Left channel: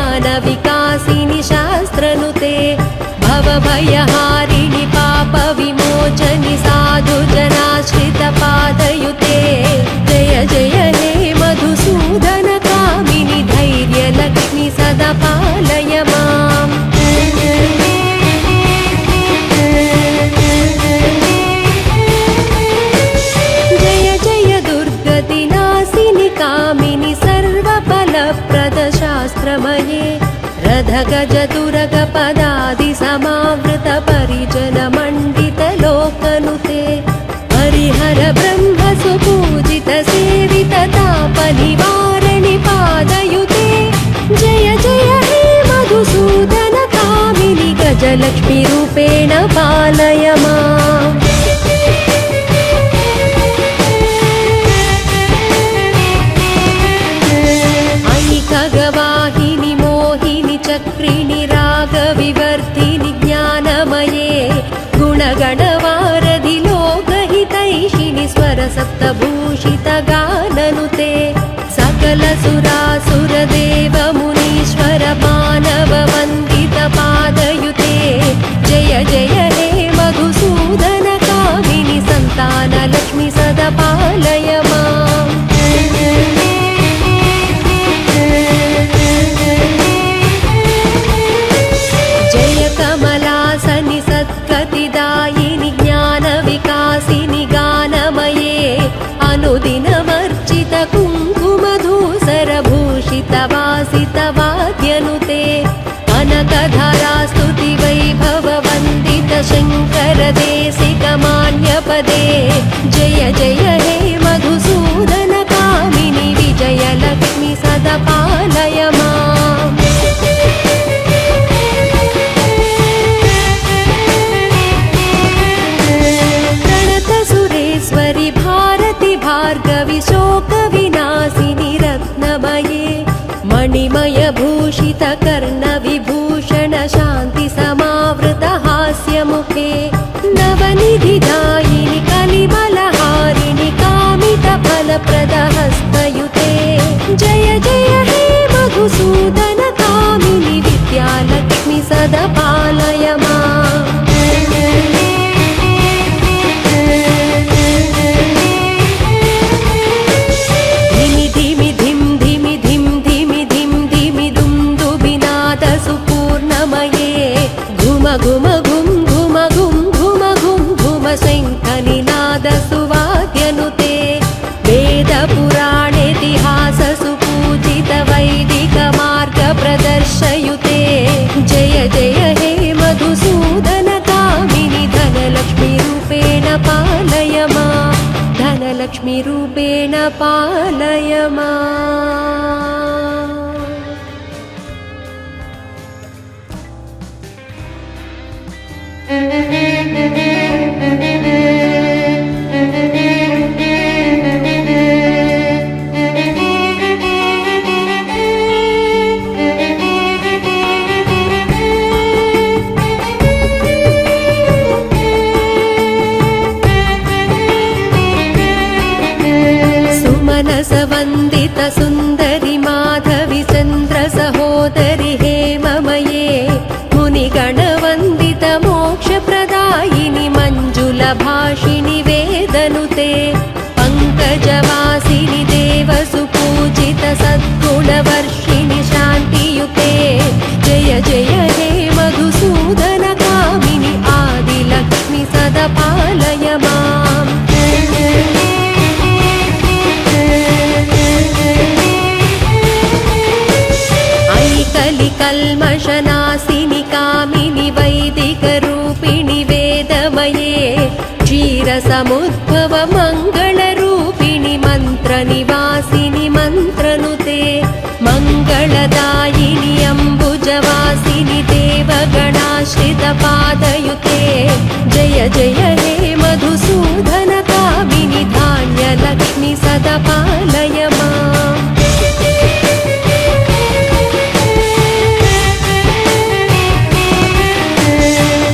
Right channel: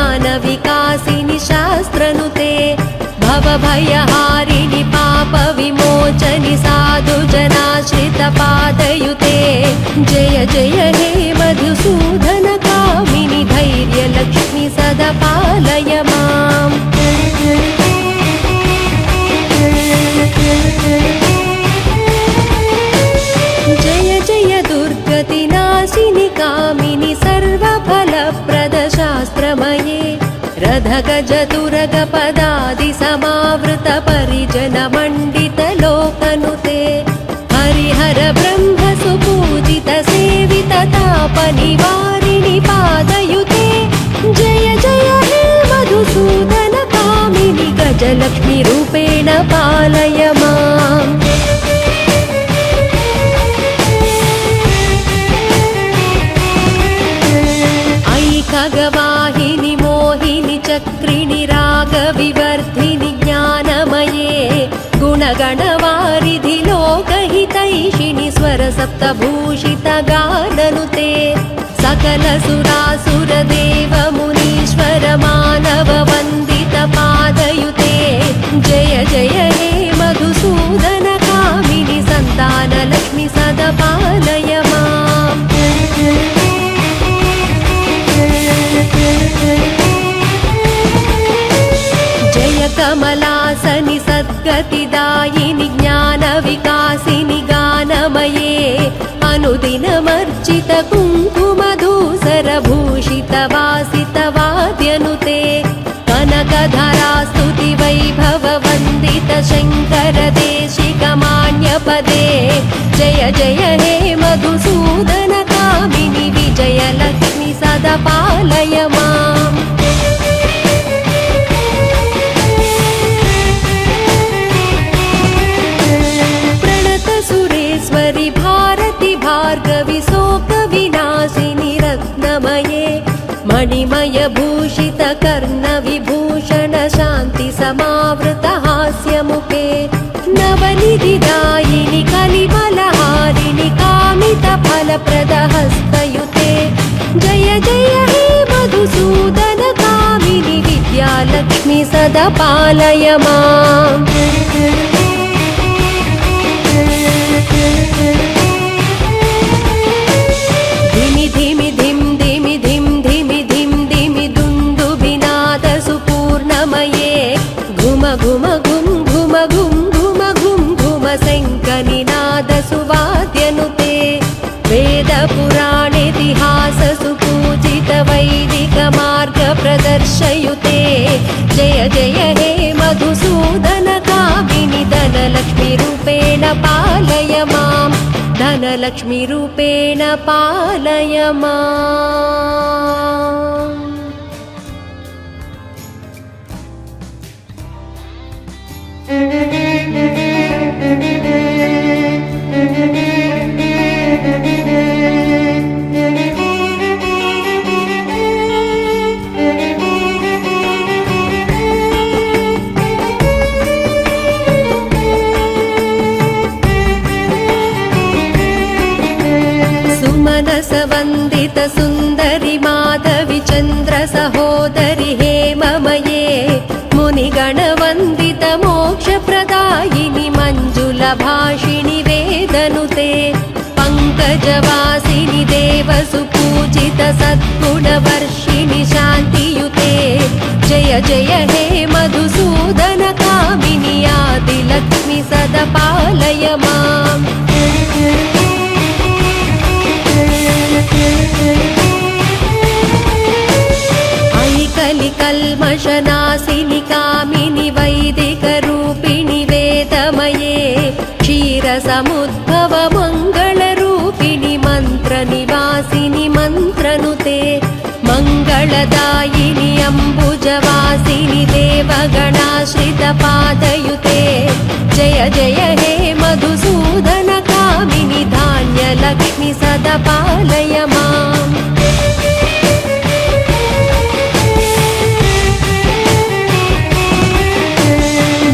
ज्ञान विकासिनि शास्त्रनुते भवभयहारिणि पाप विमोचनि साधु जनाश्रित पादयुते जय जय हे मधुसूदन कामिनि धैर्यलक्ष्मि सदा पालय माम् जय जय दुर्गतिनाशिनि कामिनि सर्वफलप्रद शास्त्रमये रथगज दुर्गपदादि समावृत परिजन मण्डित लोकनुते हरिहर ब्रह्म सुपूजित सेवित ताप निवारिणि पादयुते जय जय हे मधुसूदन कामिनि गजलक्ष्मी रूपेण पालय माम् ऐकगवाहिनि मोहिनि चक्रिणि रागविवर्धिनि ज्ञानमये गुणगणवारिधि लोकहितैषिणि स्वरसप्तभूषित गाननुते सकल सुरासुर देव मुनीश्वर मानव वन्दित पादयुते जय जय हे मधुसूदन कामिनि सन्तानलक्ष्मि सदा पालय माम् जय कमलासनि सद्गतिदायिनि ज्ञान विकासिनि गानमये अनुदिन वर्जित कुङ्कुमधूसर भूषित वासित वाद्यनुते कनकधरा स्तुति वैभव वन्दित शङ्कर देशिक मान्यपदे जय जय हे मधुसूदन कामिनि विजयलक्ष्मि सदा पालय माम् प्रणत सुरेश्वरि भारति भार्गवि शोक विनाशिनि रत्नमये मणिमय भूषित कर्ण विभूषण शान्ति समावृत हास्यमुखे नवनिधिदायिनि कलिबलहारिणि कामित फलप्रद हस्तयुते जय जय हे मधुसूदन कामिनि विद्यालक्ष्मि सदा पालय माम् धिमि धिमि धिं धिमि धिं धिमि धिं धिमि दुन्दुभिनाद सुपूर्णमये घुम घुम घुं घुम घुं घुम घुं घुम शङ्करिनाद सुवाद्यनुते वेद पुराणेतिहास सुपूजित वैदिक मार्ग प्रदर्शयुते जय जय हे मधुसूदन कामिनि धनलक्ष्मी रूपेण पालय माम् धनलक्ष्मी रूपेण पालय माम् सुमनस वन्दित सुन्दरि माधवि चन्द्र सहोदरि हेममये मुनिगणवन्दित मोक्षप्रदायिनि मञ्जुल भाषिणि वेदनुते पङ्कजवासिनि देव सुपूजित सद्गुणवर्षिणि शान्तियुते जय जय हे मधुसूदन कामिनि आदिलक्ष्मि सदा पालय माम् कल्मषनाशिनि कामिनि वैदिकरूपिणि वेदमये क्षीरसमुद्भव मङ्गलरूपिणि मन्त्रनिवासिनि मन्त्रनुते मङ्गलदायिनि अम्बुजवासिनि देवगणाश्रित पादयुते जय जय हे मधुसूदन कामिनि धान्यलक्ष्मि सदा पालय माम्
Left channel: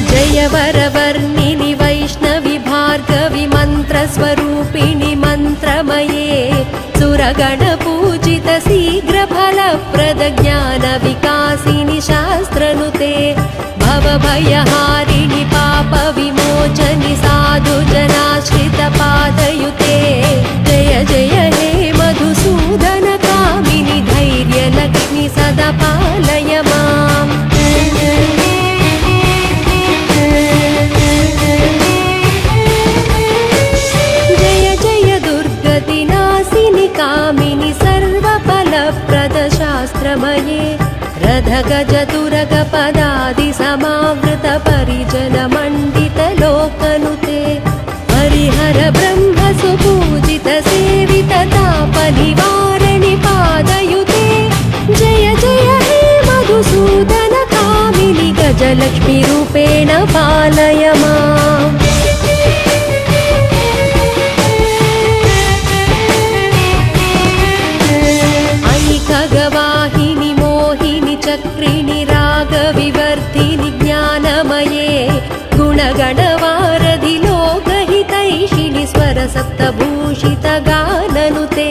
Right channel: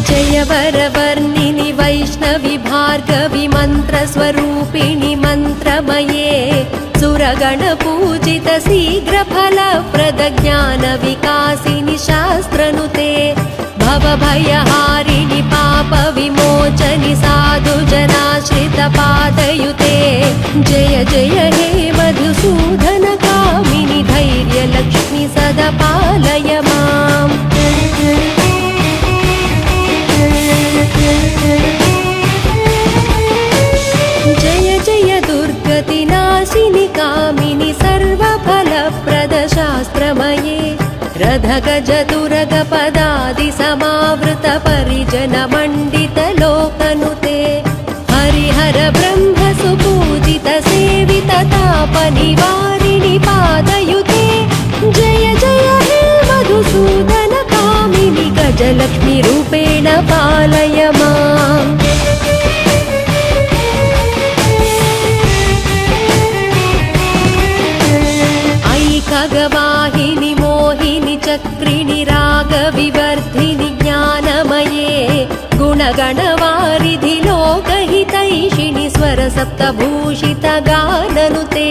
जय वरवर्णिनि वैष्णवि भार्गवि मन्त्रस्वरूपिणि मन्त्रमये सुरगणपूजित शीघ्रफलप्रद ज्ञान विकास चक्रिणि रागविवर्धिनि ज्ञानमये गुणगणवारिधि लोकहितैषिणि स्वरसप्तभूषितगाननुते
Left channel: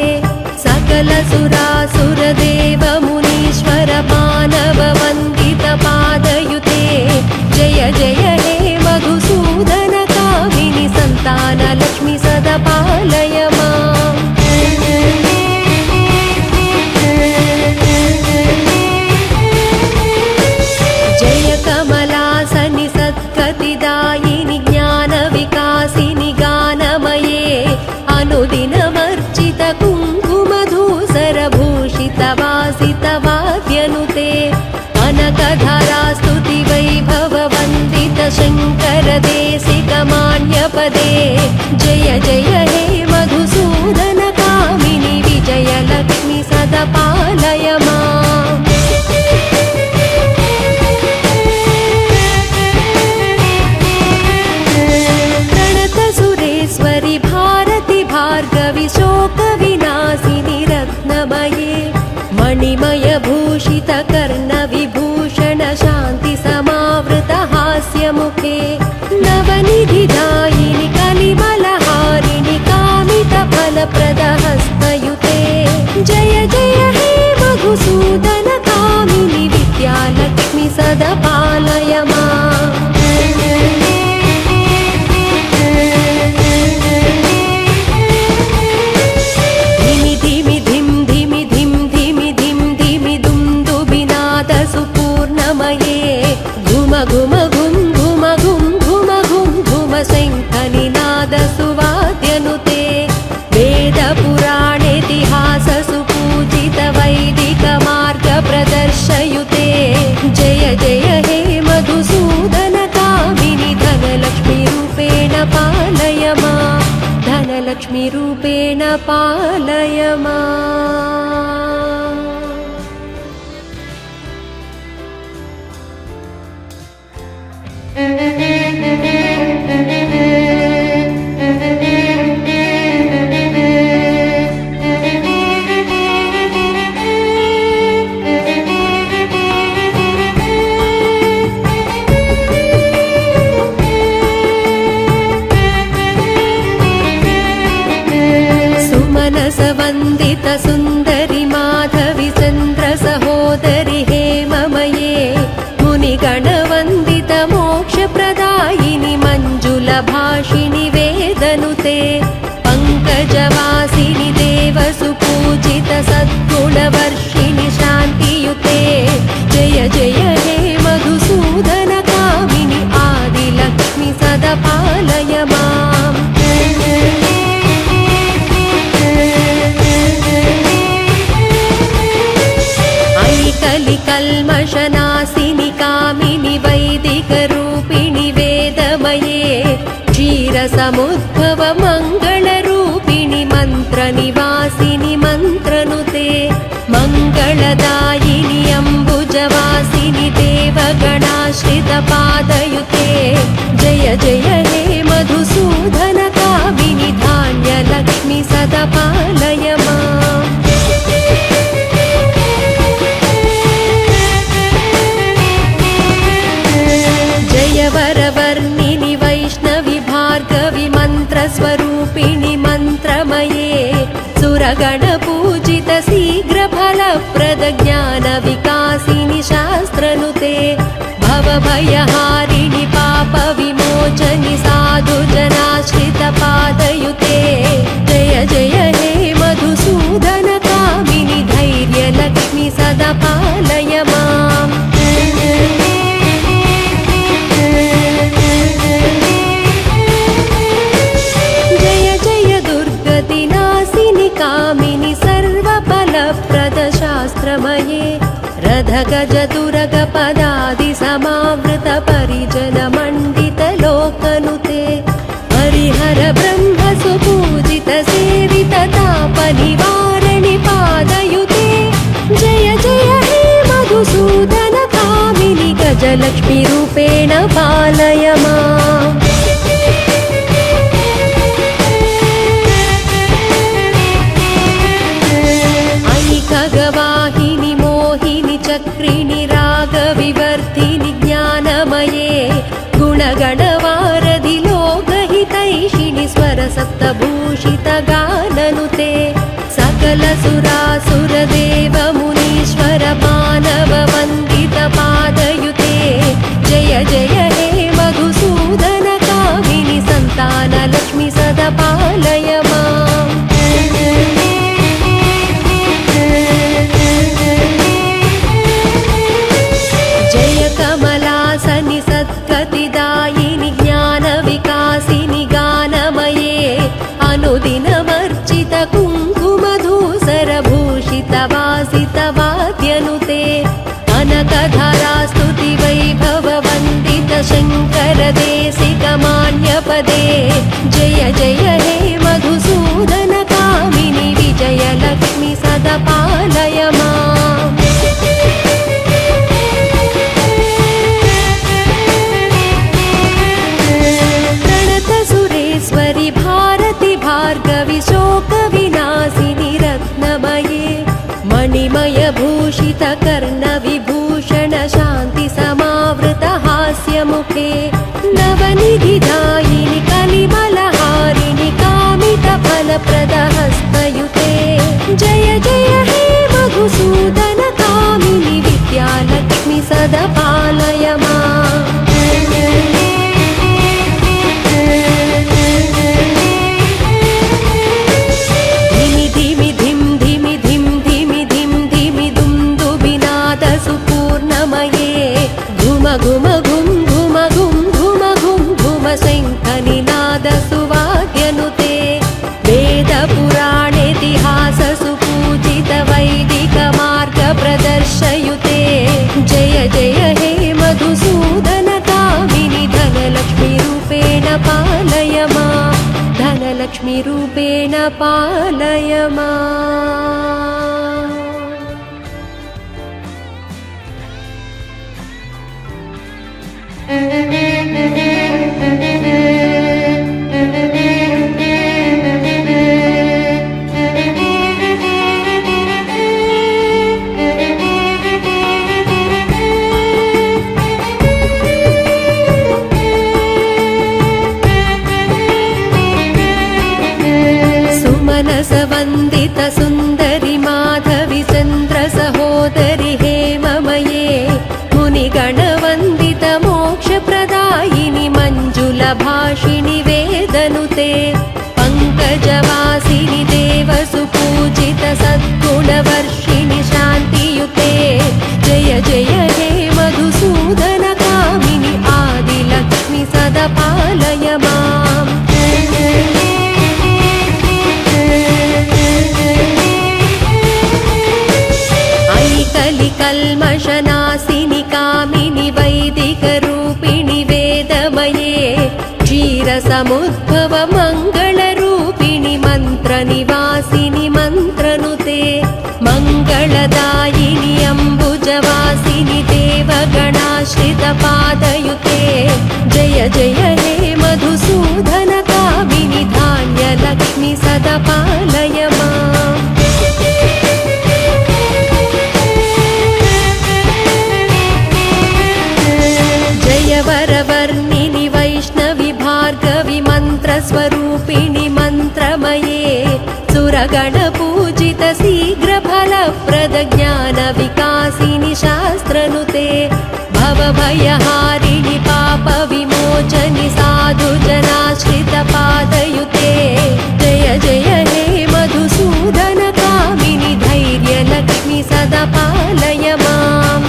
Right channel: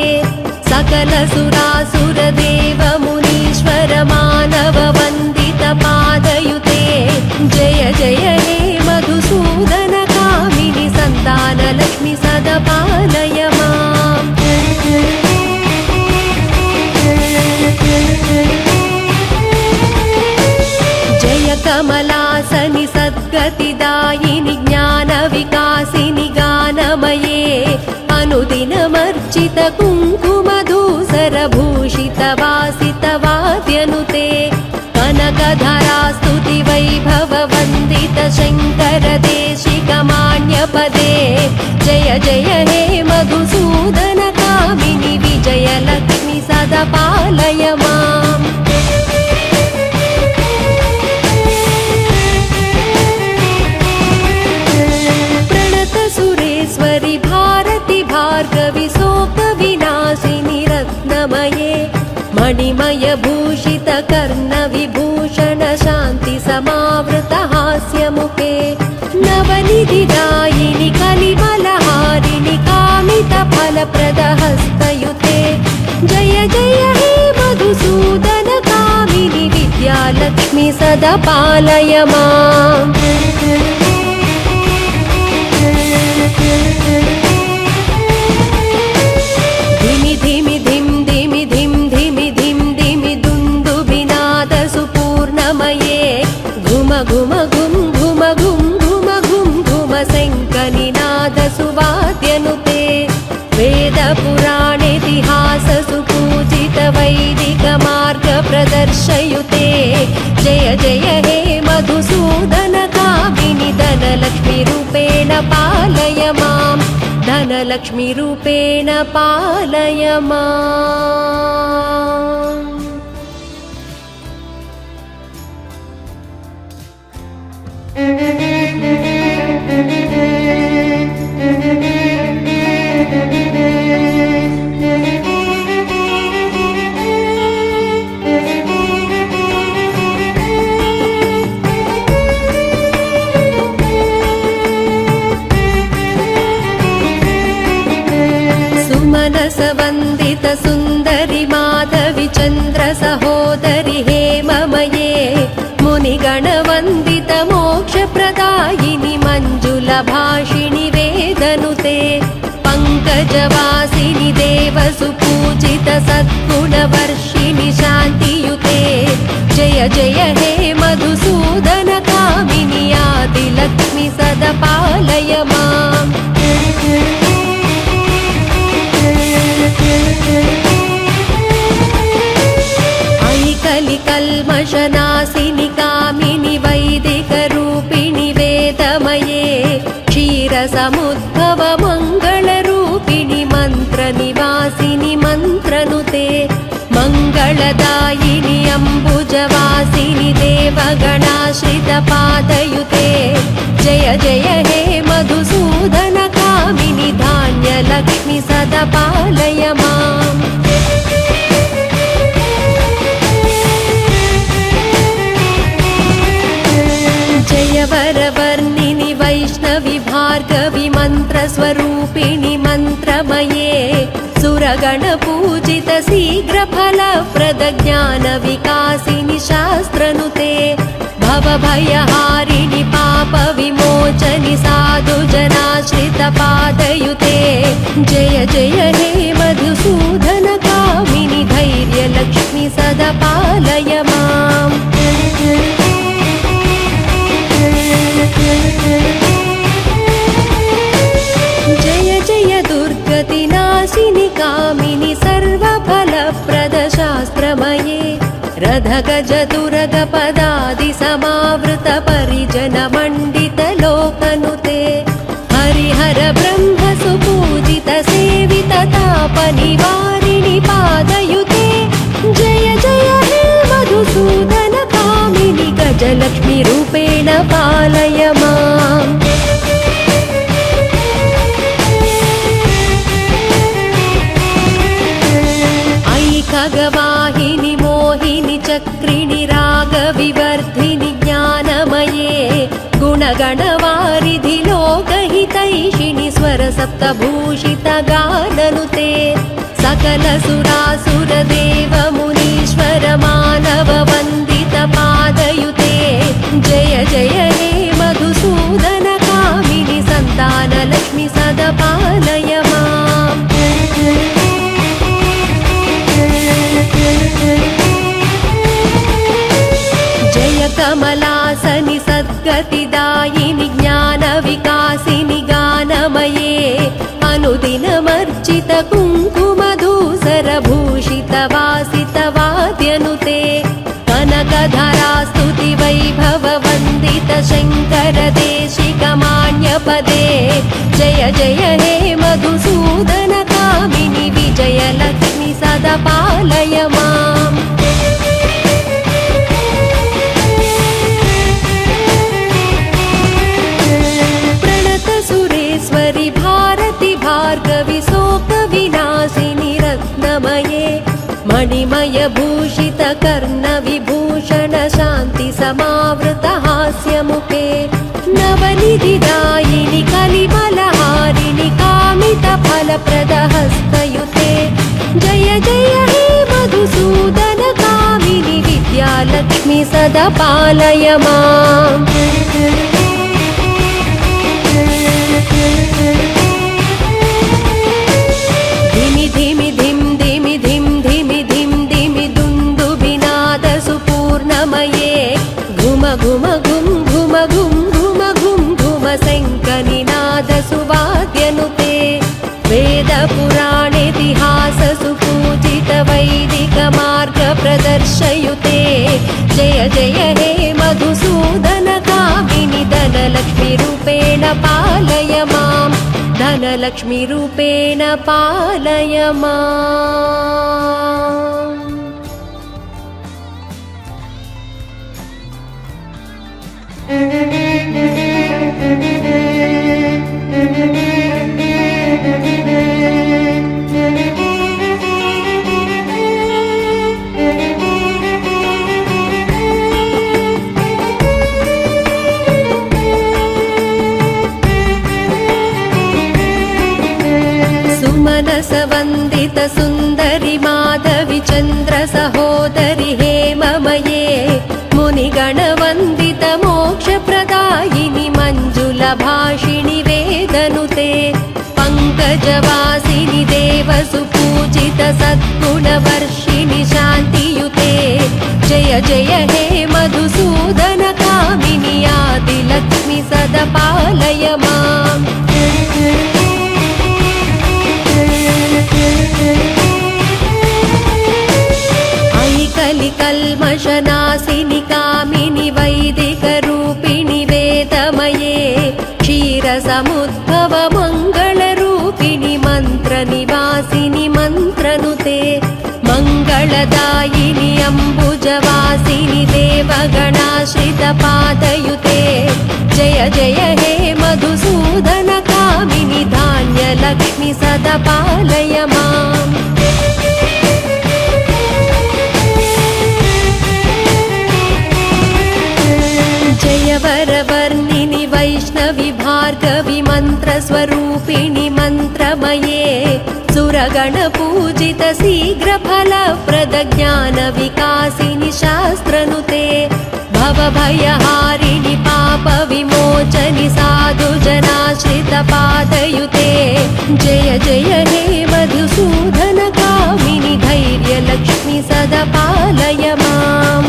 सकल सुरासुरदेव मुनीश्वर मानव वन्दित पादयुते जय जय हे मधुसूदन कामिनि सन्तानलक्ष्मि सदा पालय माम् जय कमलासनि सद्गतिदायिनि ज्ञानविकासिनि गानमये अनुदिनमर्चित कुङ्कुमधूसरभूषितवासितवाद्यनुते अनकधरा स्तुति वैभव वन्दित शङ्कर देशिकमान्यपदे जय जय हे मधुसूदन कामिनि विजयलक्ष्मि सदा पालय माम् प्रणत सुरेश्वरि भारति भार्गवि शोकविनाशिनि रत्नमये मणिमय भूषित कर्ण विभूषण शान्ति समावृत हास्यमुखे नवनिधिदायिनि कलिबलहारिणि कामित फलप्रद हस्तयुते जय जय हे मधुसूदन कामिनि विद्यालक्ष्मि सदा पालय माम् धिमि धिमि धिं धिमि धिं धिमि धिं धिमि दुन्दुभिनाद सुपूर्णमये घुम घुम घुं घुम घुं घुम घुं घुम शङ्खनिनाद सुवाद्यनुते वेद पुराणेतिहास सुपूजित वैदिक मार्ग प्रदर्शयुते जय जय हे मधुसूदन कामिनि धनलक्ष्मी रूपेण पालय माम् धनलक्ष्मी रूपेण पालय माम् सुमनस वन्दित सुन्दरि माधवि चन्द्र सहोदरि हेममये मुनिगणवन्दित मोक्षप्रदायिनि मञ्जुलभाषिणि वेदनुते पङ्कजवासिनि देव सुपूजित सद्गुणवर्षिणि शान्तियुते जय जय हे मधुसूदन कामिनि आदिलक्ष्मि सदा पालय माम् कल्मषनाशिनि कामिनि वैदिकरूपिणि वेदमये क्षीरसमुद्भव मङ्गलरूपिणि मन्त्रनिवासिनि मन्त्रनुते मङ्गलदायिनि अम्बुजवासिनि देवगणाश्रित पादयुते जय जय हे मधुसूदन कामिनि धान्यलक्ष्मि सदा पालय माम् जय वरवर्णिनि वैष्णवि भार्गवि मन्त्रस्वरूपिणि मन्त्रमये सुरगणपूजित शीघ्रफलप्रद ज्ञानविकासिनि शास्त्रनुते भवभयहारिणि पापविमोचनि साधुजनाश्रित पादयुते जय जय हे मधुसूदन कामिनि धैर्यलक्ष्मि सदा पालय माम् जय जय दुर्गतिनाशिनि कामिनि सर्वफलप्रद शास्त्रमये रथगज दुर्गपदादि समावृत परिजन मण्डित लोकनुते हरिहर ब्रह्म सुपूजित सेवित तापनिवारिणि पादयुते जय जय हे मधुसूदन कामिनि गजलक्ष्मी रूपेण पालय माम् ऐकगवाहिनि मोहिनि चक्रिणि विवर्धिनि ज्ञानमये गुणगणवारिधि लोकहितैषिणि स्वरसप्तभूषितगाननुते सकल सुरासुरदेव मुनीश्वर मानव वन्दित पादयुते जय जय हे मधुसूदन कामिनि सन्तानलक्ष्मि सदा पालय माम्। जय कमलासनि सद्गतिदायिनि ज्ञानविकासिनि गानमये अनुदिनवर्जित कुङ्कुमधूसरभूषितवासितवाद्यनुते कनकधरा स्तुति वैभव वन्दित शङ्कर देशिकमान्यपदे जय जय हे मधुसूदन कामिनि विजयलक्ष्मि सदा पालय माम्। प्रणत सुरेश्वरि भारति भार्गवि शोकविनाशिनि रत्नमये मणिमय भूषित कर्ण विभूषण शान्ति समावृत हास्यमुखे नवनिधिदायिनि कलिबलहारिणि कामित फलप्रद हस्तयुते जय जय हे मधुसूदन कामिनि विद्यालक्ष्मि सदा पालय माम्। धिमि धिमि धिं धिमि धिं धिमि धिं धिमि दुन्दुभिनाद सुपूर्णमये घुम घुम घुं घुम घुं घुम घुं घुम शङ्खनिनाद सुवाद्यनुते वेद पुराणेतिहास सुपूजित वैदिक मार्ग प्रदर्शयुते जय जय हे मधुसूदन कामिनि धनलक्ष्मी रूपेण पालय माम्। धनलक्ष्मी रूपेण पालय माम्। सुमनस वन्दित सुन्दरि माधवि चन्द्र सहोदरि हेममये मुनिगणवन्दित मोक्षप्रदायिनि मञ्जुलभाषिणि वेदनुते पङ्कजवासिनि देव सुपूजित सद्गुणवर्षिणि शान्तियुते जय जय हे मधुसूदन कामिनि आदिलक्ष्मि सदा पालय माम्। ऐकलि कल्मषनाशिनि कामिनि वैदिकरूपिणि वेदमये क्षीरसमुद्भव मङ्गलरूपिणि मन्त्रनिवासिनि मन्त्रनुते मङ्गलदायिनि अम्बुजवासिनि देवगणाश्रित पादयुते जय जय हे मधुसूदन कामिनि धान्यलक्ष्मि सदा पालय माम्। जय वरवर्णिनि वैष्णवि भार्गवि मन्त्रस्वरूपिणि मन्त्रमये सुरगणपूजित शीघ्रफलप्रद ज्ञानविकासिनि शास्त्रनुते भवभयहारिणि पापविमोचनि साधुजनाश्रित पादयुते जय जय हे मधुसूदन कामिनि धैर्यलक्ष्मि सदा पालय माम्।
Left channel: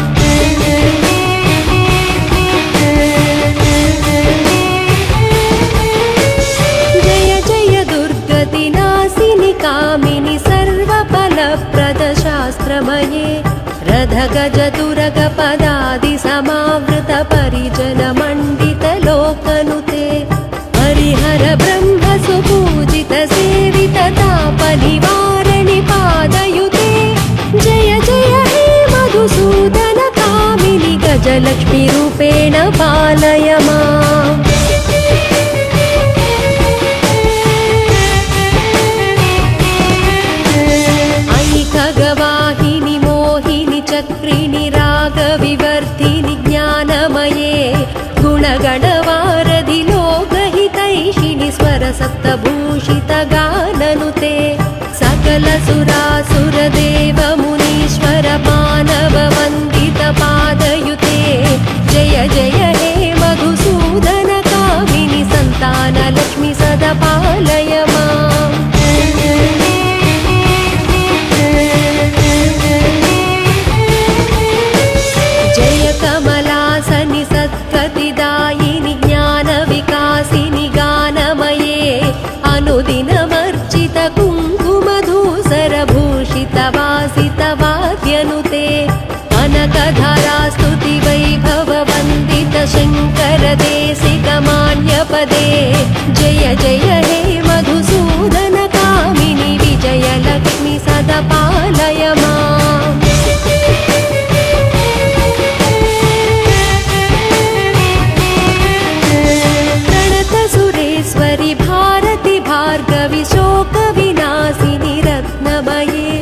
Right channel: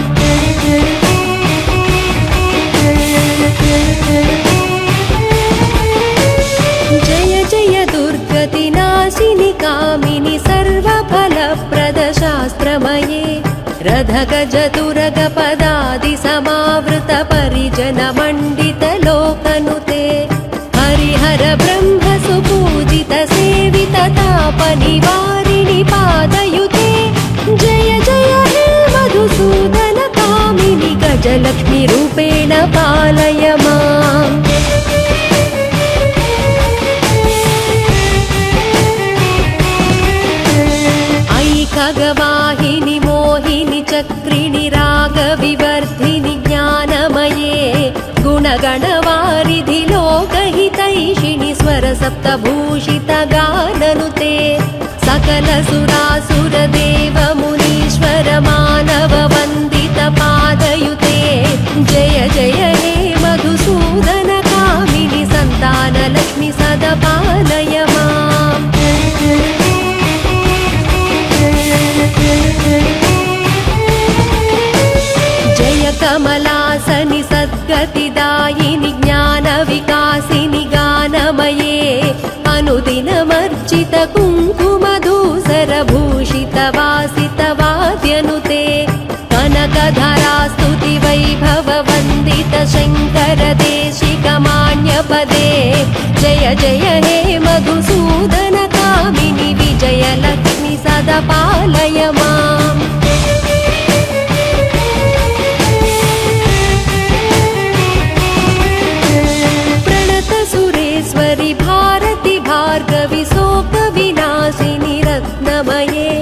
जय जय दुर्गतिनाशिनि कामिनि सर्वफलप्रद शास्त्रमये रथगज दुर्गपदादि समावृत परिजन मण्डित लोकनुते हरिहर ब्रह्म सुपूजित सेवित तापनिवारिणि पादयुते जय जय हे मधुसूदन कामिनि गजलक्ष्मी रूपेण पालय माम्। ऐकगवाहिनि मोहिनि चक्रिणि रागविव भूषितगाननुते सकल सुरासुरदेव मुनीश्वर मानव वन्दित पादयुते जय जय हे मधुसूदन कामिनि सन्तानलक्ष्मि सदा पालय माम्। जय कमलासनि सद्गतिदायिनि ज्ञानविकासिनि गानमये अनुदिनमर्चित कुङ्कुमधूसरभूषितवासितवाद्यनुते कनकधरा स्तुतिवैभव वन्दित शङ्कर देशिकमान्यपदे जय जय हे मधुसूदन कामिनि विजयलक्ष्मि सदा पालय माम्। प्रणत सुरेश्वरि भारति भार्गवि शोकविनाशिनि रत्नमये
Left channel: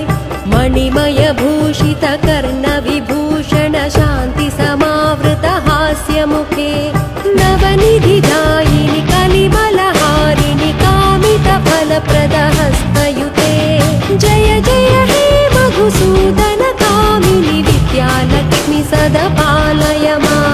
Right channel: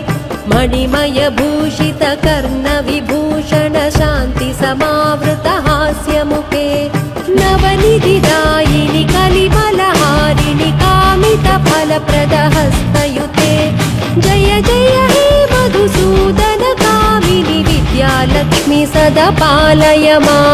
मणिमय भूषित कर्ण विभूषण शान्ति समावृत हास्यमुखे नवनिधिदायिनि कलिबलहारिणि कामित फलप्रद हस्तयुते जय जय हे मधुसूदन कामिनि विद्यालक्ष्मि सदा पालय माम्।